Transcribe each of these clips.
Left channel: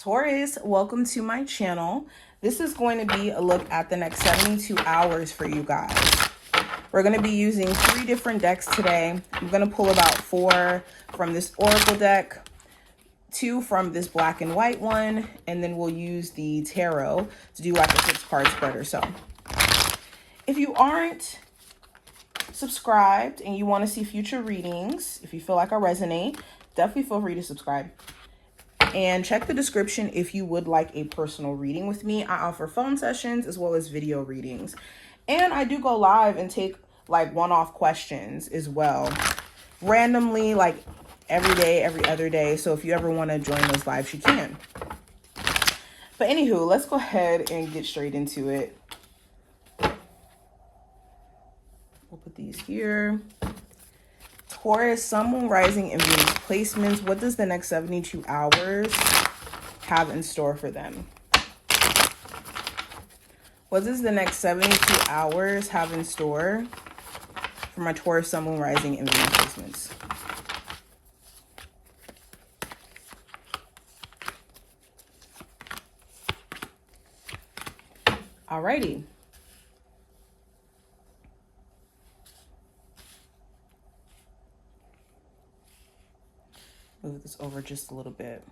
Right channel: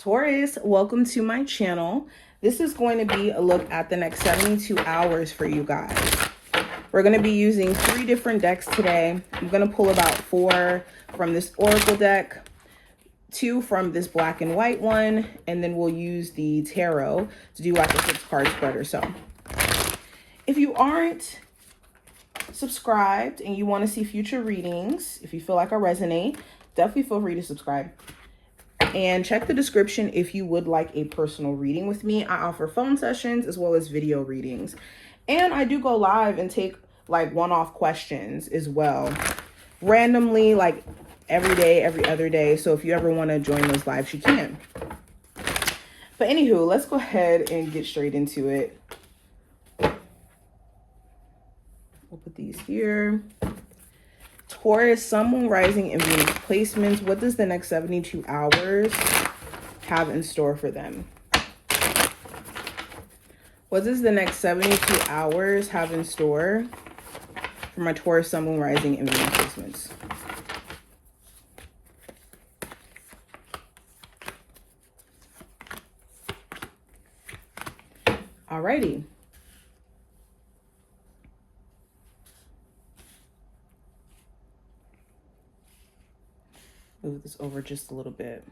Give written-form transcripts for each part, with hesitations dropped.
Taurus, welcome to my channel. This is going to be a look at the next 72 hours for you guys. We're going to be using 3 different decks today. I'm going to pull about 4 from this Oracle deck, 2 from this black and white one, and then we'll use the tarot to do like a 6-card spread or so. If you aren't subscribed and you want to see future readings, if you feel like I resonate, definitely feel free to subscribe. And check the description if you would like a personal reading with me. I offer phone sessions as well as video readings. And I do go live and take like one-off questions as well. Randomly, like every day, every other day. So if you ever want to join those lives, you can. But anywho, let's go ahead and get straight into it. We'll put these here. Taurus, Sun, Moon, Rising, and Venus placements. What does the next 72 hours have in store for them? What does the next 72 hours have in store for my Taurus, Sun, Moon, Rising, and Venus placements? Alrighty. Move this over just a little bit.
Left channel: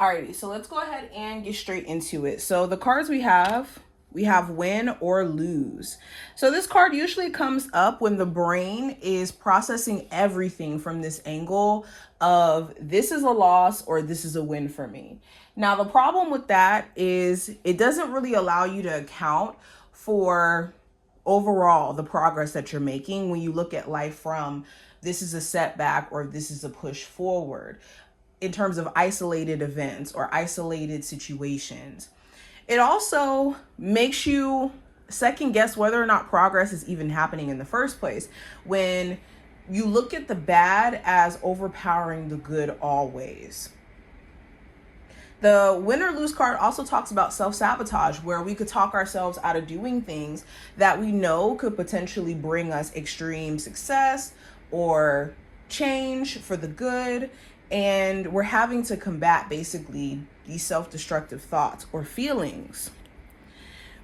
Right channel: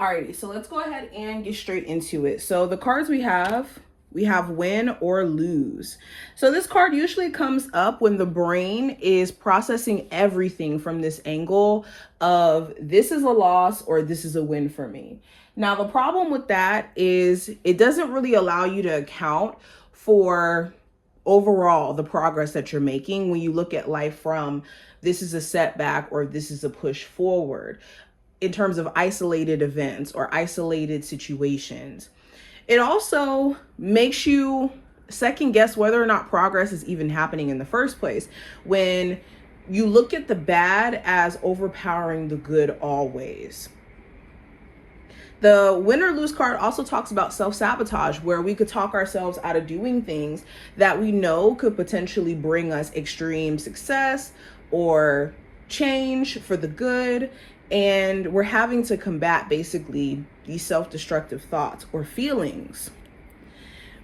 Alrighty, so let's go ahead and get straight into it. So the cards we have win or lose. So this card usually comes up when the brain is processing everything from this angle of this is a loss or this is a win for me. Now, the problem with that is it doesn't really allow you to account for overall the progress that you're making when you look at life from this is a setback or this is a push forward in terms of isolated events or isolated situations. It also makes you second guess whether or not progress is even happening in the first place when you look at the bad as overpowering the good always. The win or lose card also talks about self-sabotage, where we could talk ourselves out of doing things that we know could potentially bring us extreme success or change for the good, and we're having to combat basically these self-destructive thoughts or feelings.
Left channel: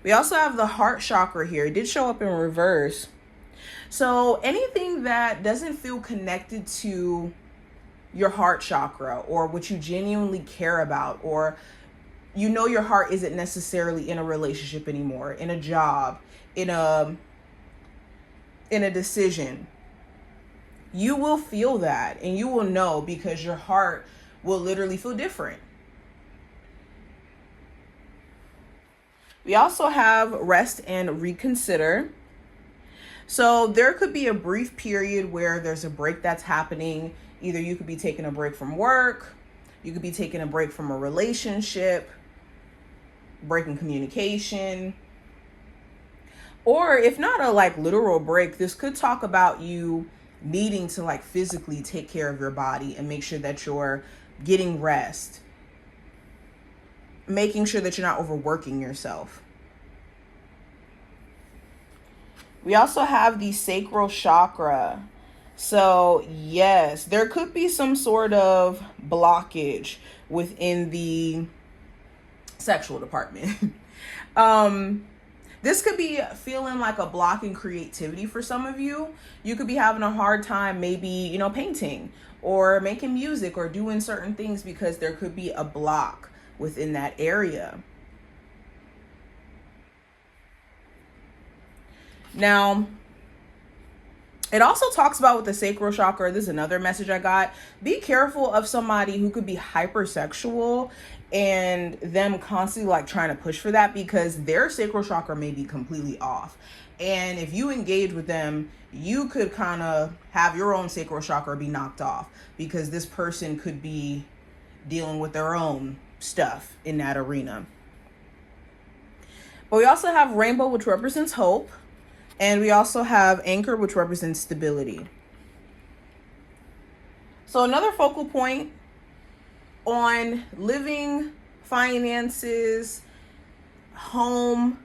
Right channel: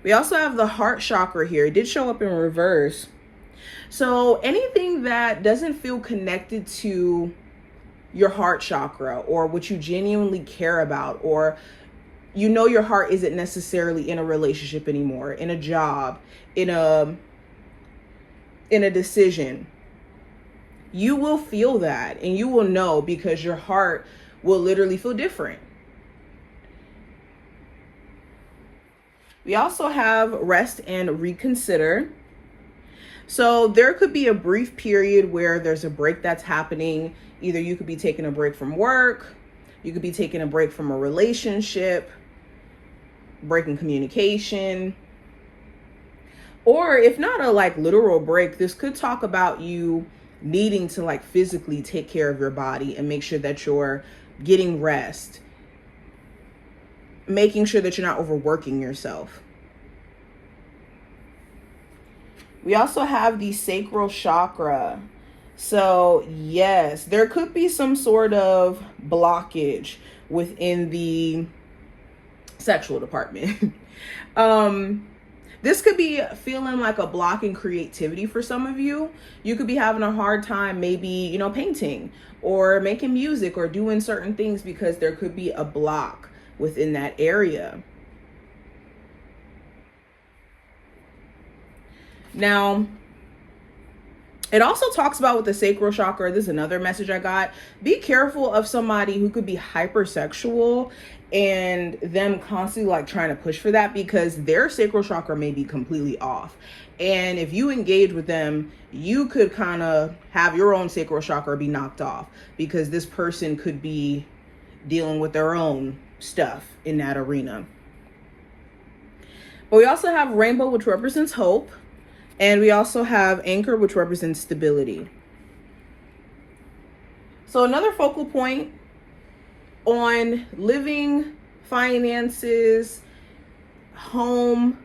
We also have the heart chakra here. It did show up in reverse. So anything that doesn't feel connected to your heart chakra or what you genuinely care about, or you know your heart isn't necessarily in a relationship anymore, in a job, in a decision, you will feel that and you will know because your heart will literally feel different. We also have rest and reconsider. So there could be a brief period where there's a break that's happening. Either you could be taking a break from work, you could be taking a break from a relationship, breaking communication, or if not a like literal break, this could talk about you needing to like physically take care of your body and make sure that you're getting rest, making sure that you're not overworking yourself. We also have the sacral chakra. So yes, there could be some sort of blockage within the sexual department. This could be feeling like a block in creativity for some of you. You could be having a hard time maybe, painting or making music or doing certain things because there could be a block within that area. Now, it also talks about with the sacral chakra, this is another message I got. Be careful of somebody who could be hypersexual and them constantly like trying to push for that because their sacral chakra may be completely off. And if you engage with them, you could kind of have your own sacral chakra be knocked off because this person could be dealing with their own stuff in that arena. But we also have rainbow, which represents hope. And we also have anchor, which represents stability. So another focal point on living, finances, home,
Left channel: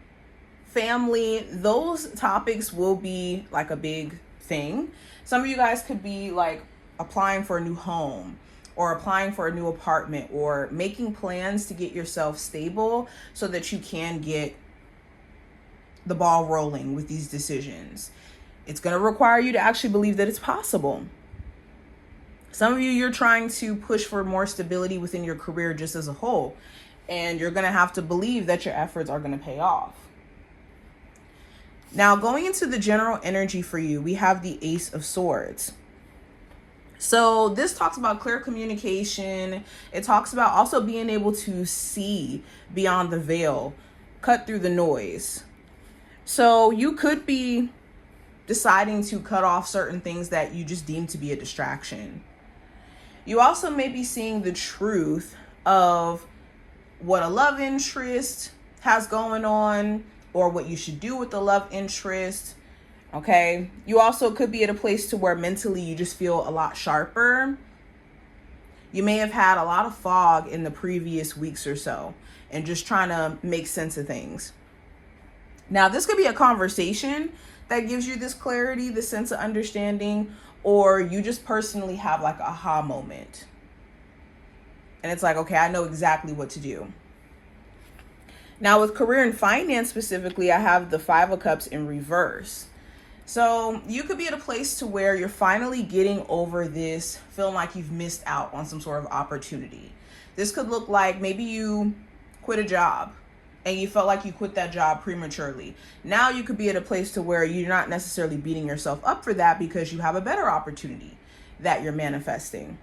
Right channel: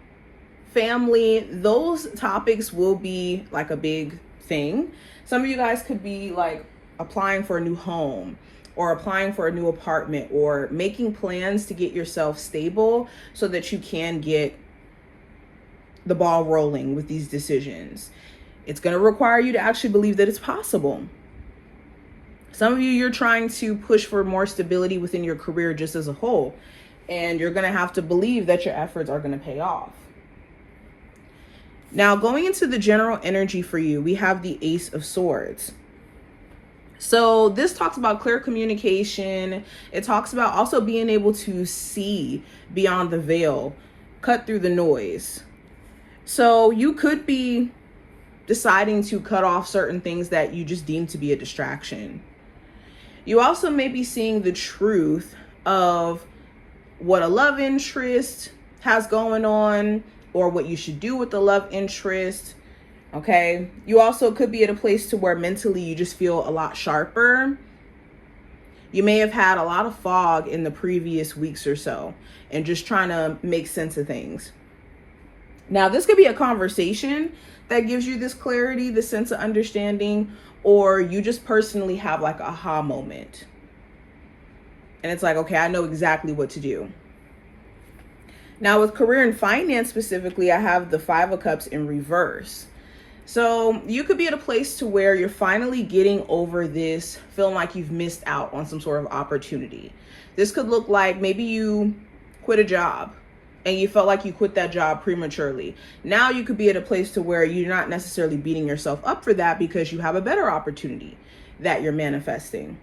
family, those topics will be like a big thing. Some of you guys could be like applying for a new home, or applying for a new apartment, or making plans to get yourself stable so that you can get the ball rolling with these decisions. It's going to require you to actually believe that it's possible. Some of you, you're trying to push for more stability within your career just as a whole, and you're going to have to believe that your efforts are going to pay off. Now, going into the general energy for you, we have the Ace of Swords. So this talks about clear communication. It talks about also being able to see beyond the veil, cut through the noise. So you could be deciding to cut off certain things that you just deem to be a distraction. You also may be seeing the truth of what a love interest has going on, or what you should do with the love interest. Okay. You also could be at a place to where mentally you just feel a lot sharper. You may have had a lot of fog in the previous weeks or so and just trying to make sense of things. Now, this could be a conversation that gives you this clarity, this sense of understanding, or you just personally have like a aha moment. And it's like, okay, I know exactly what to do. Now, with career and finance specifically, I have the Five of Cups in reverse. So you could be at a place to where you're finally getting over this, feeling like you've missed out on some sort of opportunity. This could look like maybe you quit a job and you felt like you quit that job prematurely. Now you could be at a place to where you're not necessarily beating yourself up for that because you have a better opportunity that you're manifesting.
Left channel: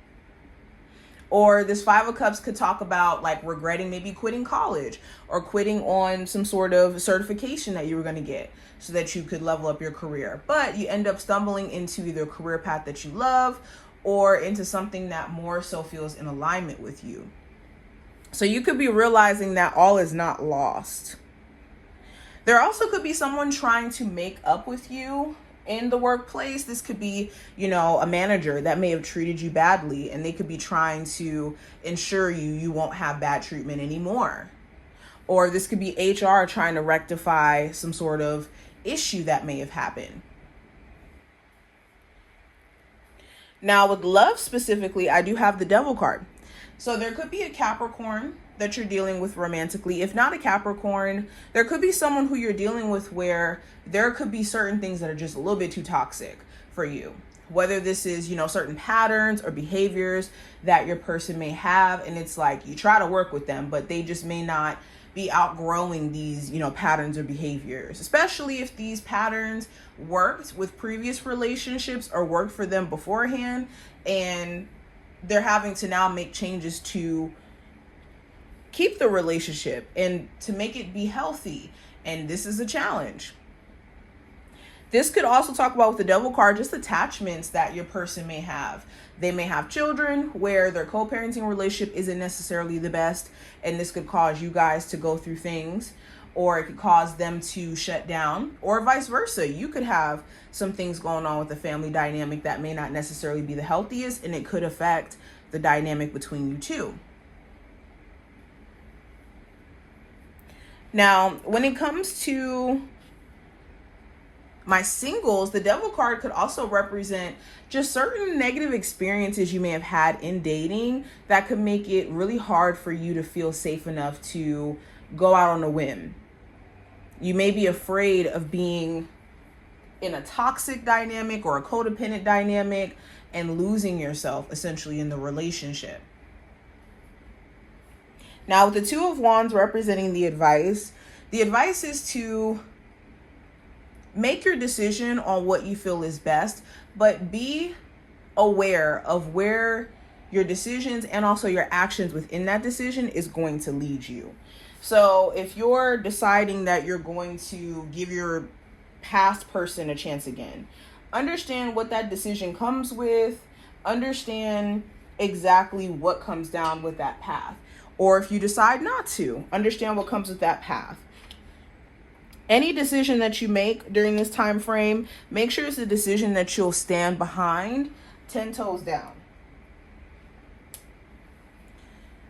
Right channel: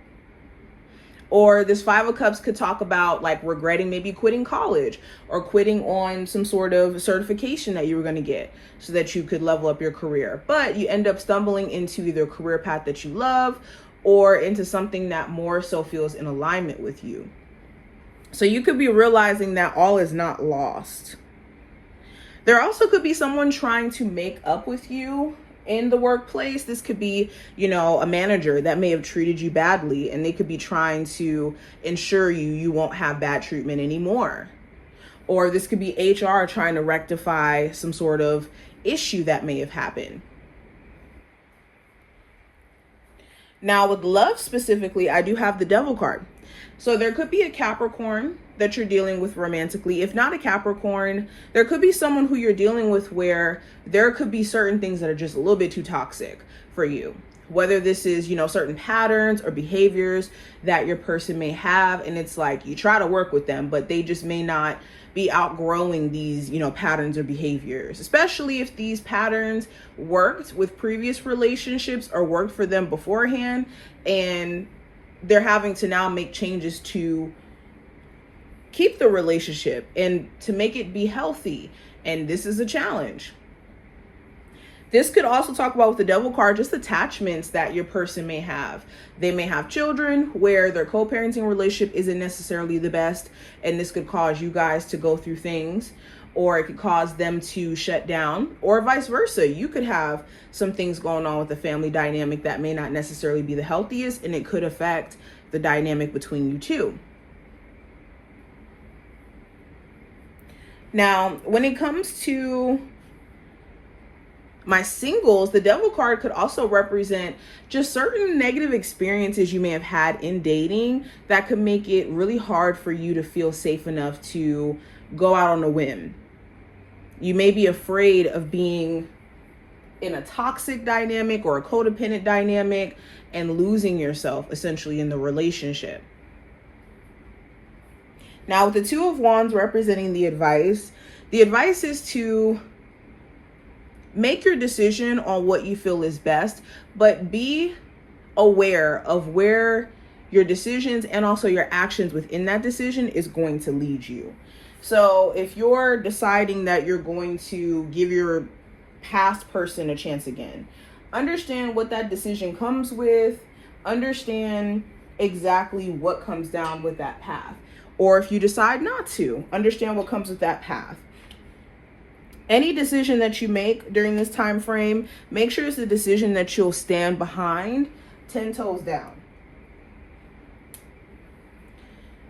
Or this Five of Cups could talk about like regretting maybe quitting college or quitting on some sort of certification that you were going to get so that you could level up your career. But you end up stumbling into either a career path that you love or into something that more so feels in alignment with you. So you could be realizing that all is not lost. There also could be someone trying to make up with you in the workplace. This could be, a manager that may have treated you badly, and they could be trying to ensure you won't have bad treatment anymore. Or this could be HR trying to rectify some sort of issue that may have happened. Now, with love specifically, I do have the Devil card. So there could be a Capricorn that you're dealing with romantically. If not a Capricorn, there could be someone who you're dealing with where there could be certain things that are just a little bit too toxic for you. Whether this is, certain patterns or behaviors that your person may have. And it's like you try to work with them, but they just may not be outgrowing these, patterns or behaviors, especially if these patterns worked with previous relationships or worked for them beforehand. And they're having to now make changes to keep the relationship and to make it be healthy. And this is a challenge. This could also talk about, with the Devil card, just attachments that your person may have. They may have children where their co-parenting relationship isn't necessarily the best. And this could cause you guys to go through things, or it could cause them to shut down, or vice versa. You could have some things going on with the family dynamic that may not necessarily be the healthiest, and it could affect the dynamic between you two. Now, when it comes to my singles, the Devil card could also represent just certain negative experiences you may have had in dating that could make it really hard for you to feel safe enough to go out on a whim. You may be afraid of being in a toxic dynamic or a codependent dynamic and losing yourself essentially in the relationship. Now, with the Two of Wands representing the advice is to make your decision on what you feel is best, but be aware of where your decisions and also your actions within that decision is going to lead you. So if you're deciding that you're going to give your past person a chance again, understand what that decision comes with, understand exactly what comes down with that path. Or if you decide not to, understand what comes with that path. Any decision that you make during this time frame, make sure it's a decision that you'll stand behind 10 toes down.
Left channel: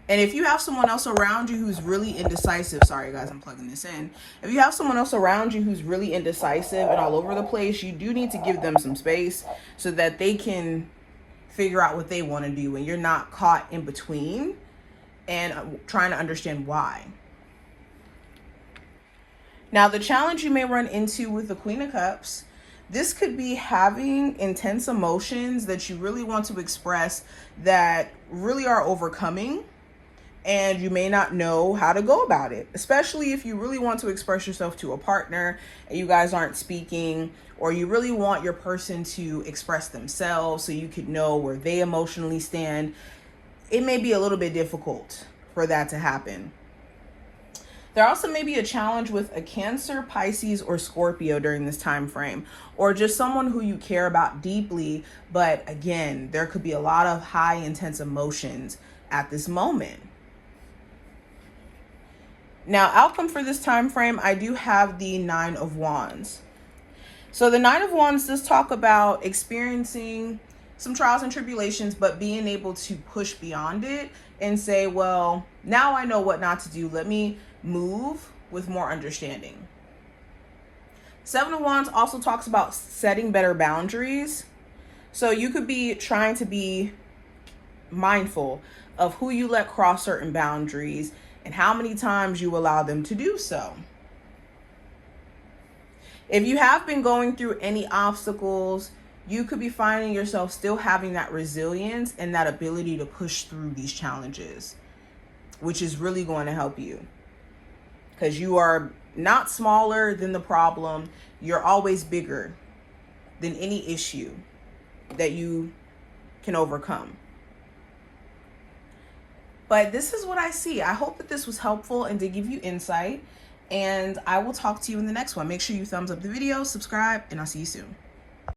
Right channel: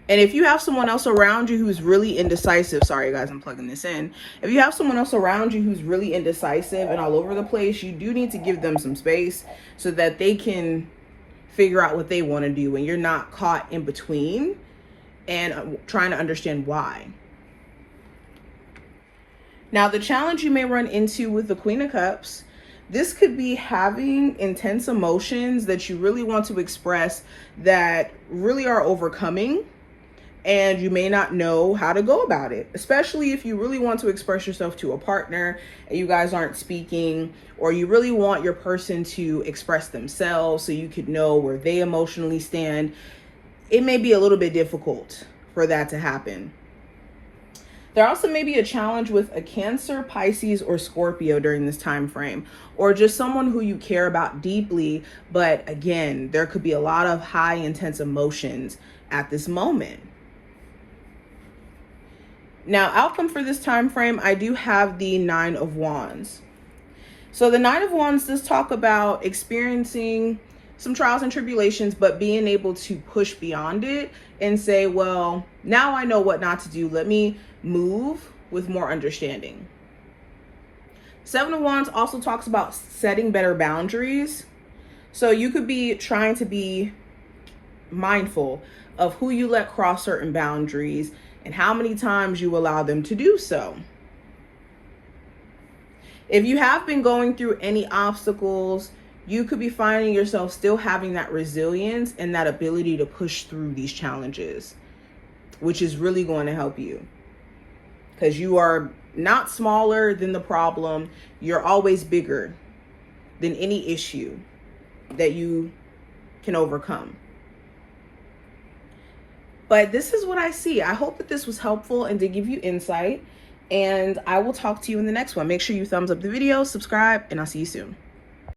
And if you have someone else around you who's really indecisive, sorry guys, I'm plugging this in. If you have someone else around you who's really indecisive and all over the place, you do need to give them some space so that they can figure out what they want to do, and you're not caught in between and trying to understand why. Now, the challenge you may run into with the Queen of Cups, this could be having intense emotions that you really want to express that really are overcoming, and you may not know how to go about it, especially if you really want to express yourself to a partner and you guys aren't speaking, or you really want your person to express themselves so you could know where they emotionally stand. It may be a little bit difficult for that to happen. There also may be a challenge with a Cancer, Pisces, or Scorpio during this time frame, or just someone who you care about deeply. But again, there could be a lot of high intense emotions at this moment. Now, outcome for this time frame, I do have the Nine of Wands. So the Nine of Wands does talk about experiencing some trials and tribulations, but being able to push beyond it and say, well, now I know what not to do. Let me move with more understanding. Seven of Wands also talks about setting better boundaries. So you could be trying to be mindful of who you let cross certain boundaries and how many times you allow them to do so. If you have been going through any obstacles, you could be finding yourself still having that resilience and that ability to push through these challenges, which is really going to help you, because you are not smaller than the problem. You're always bigger than any issue that you can overcome. But this is what I see. I hope that this was helpful and to give you insight. And I will talk to you in the next one. Make sure you thumbs up the video, subscribe, and I'll see you soon.